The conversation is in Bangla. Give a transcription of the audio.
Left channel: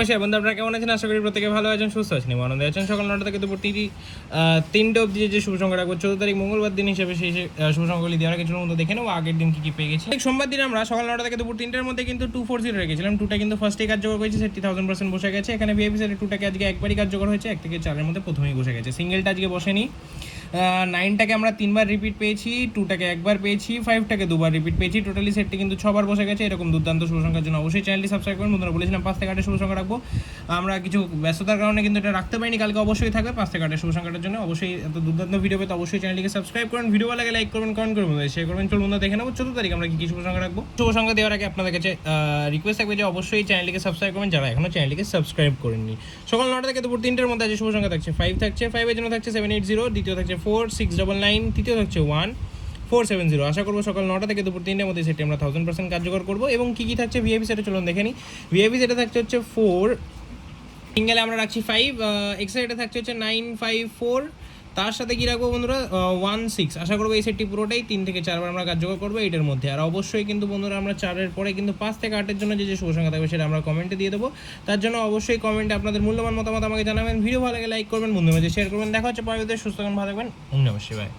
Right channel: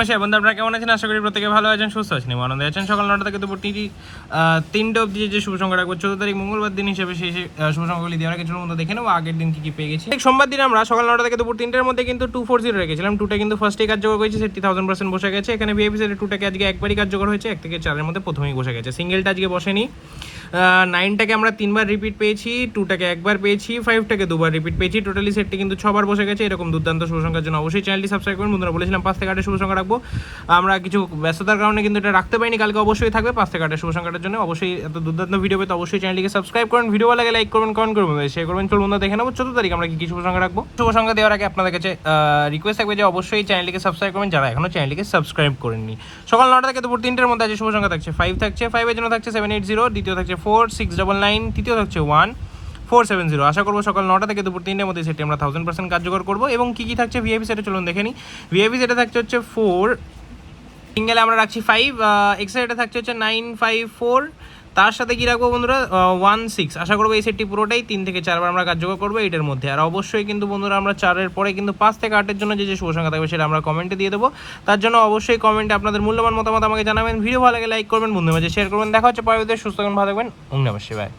নমস্কার বন্ধু, আপনারা কেমন আছেন? আশা করি প্রত্যেকে ভালো আছেন, সুস্থ আছেন, আনন্দে আছেন। সকাল 9টা থেকে দুপুর 3টা অবধি যে শুভ সংখ্যা রাখবো 14 তারিখ মঙ্গলবার দিন হিসেবে সেই শুভ সংখ্যাগুলি দেওয়ার কিছু মধ্যে দেখে নেবো আগের দিন কি পেয়ে গেছি। সোমবার দিন আমরা সকাল 9টা থেকে দুপুর 3টার মধ্যে কিন্তু 240 রেখেছিলাম। 2টা কিন্তু ফার্স্টে কার্যকর হয়েছে, সেটি 1000% বসে গেছে। এখানে ভিআইপি সেটের 2টাকে আজকে একবারই কার্যকর হয়েছে, 1 থেকে 4-এর মধ্যে প্রথমেই বসে গেছে। সিঙ্গেলটা আজকে বসেনি। 9টাকে আমরা 3বার রিপিট পেয়েছি, 2টাকে একবার পেয়েছি, 5টাকে 2বার রিপিট পেয়েছি। টোটালি সেটটি কিন্তু 6বার বসে গেছে। এরকম দুর্দান্ত শুভ সংখ্যার জন্য অবশ্যই চ্যানেলটি সাবস্ক্রাইব করুন। বন্ধুরা বলেছিলাম 5 থেকে 8 শুভ সংখ্যা রাখবো, আমরা কিছু ব্যস্ততার কারণে কিন্তু এটা রাখতে পারিনি। কালকে অবশ্যই থাকবে 5 থেকে 8 শুভ সংখ্যাটার জন্য। অবশ্যই এত দুর্দান্ত ভিডিও পেতে অবশ্যই চ্যানেলটিকে সাবস্ক্রাইব করুন। ভিডিও ভালো লাগে লাইক করবেন, কমেন্ট করবেন, শেয়ার করবেন। চলুন বন্ধুরা দেখে নেবো 14 তারিখ আমরা কি শুভ সংখ্যা রাখবো। শুভ সংখ্যা দেওয়ার আগে আপনাদের কাছে রিকোয়েস্ট থাকবে যে অবশ্যই চ্যানেলটিকে সাবস্ক্রাইব করবেন যারা এখনো চ্যানেলটিকে সাবস্ক্রাইব করেননি। সকাল 9টা থেকে দুপুর 3টার মধ্যে আছে শুভ সংখ্যা থাকছে 5 থাকছে, 5 এর জন্য থাকছে 780, দ্বিতীয় থাকছে 4699, তৃতীয় থাকছে 1470। আশা করবো সকাল 9টা থেকে দুপুর 3টার মধ্যে সেটি আমরা 1000% কার্যকর করবো। এবং কি থাকছে ভিআইপি সেটা চলুন দেখে নিই। ভিআইপি সেটা থাকছে হচ্ছে 4, সিঙ্গেলে আমরা রাখছি 5, এক্সট্রা এটা থাকছে হচ্ছে 954, তার সাথে কি রাখবো বন্ধুরা 16। আশা করবো এই সেটটি পুরোটাই 3 থেকে 4বার আমরা কার্যকর করবো এটার মধ্যে। আর অবশ্যই কিন্তু বন্ধুরা আমরা 4-এর পরে কিন্তু 5 থেকে 8-এর জন্য যে শুভ সংখ্যা থাকবে সেটা আমরা কমেন্টে দিয়ে দেবো। তার জন্য অবশ্যই কমেন্টে আপনাদের মূল্যবান মতামত আমাকে জানাবেন। ভিডিও ভালো লাগে লাইক করবেন, বন্ধুদের মাঝে শেয়ার করবেন। দেখা হচ্ছে পরবর্তীতে। সুস্থ থাকবেন, ভালো থাকবেন, নমস্কার।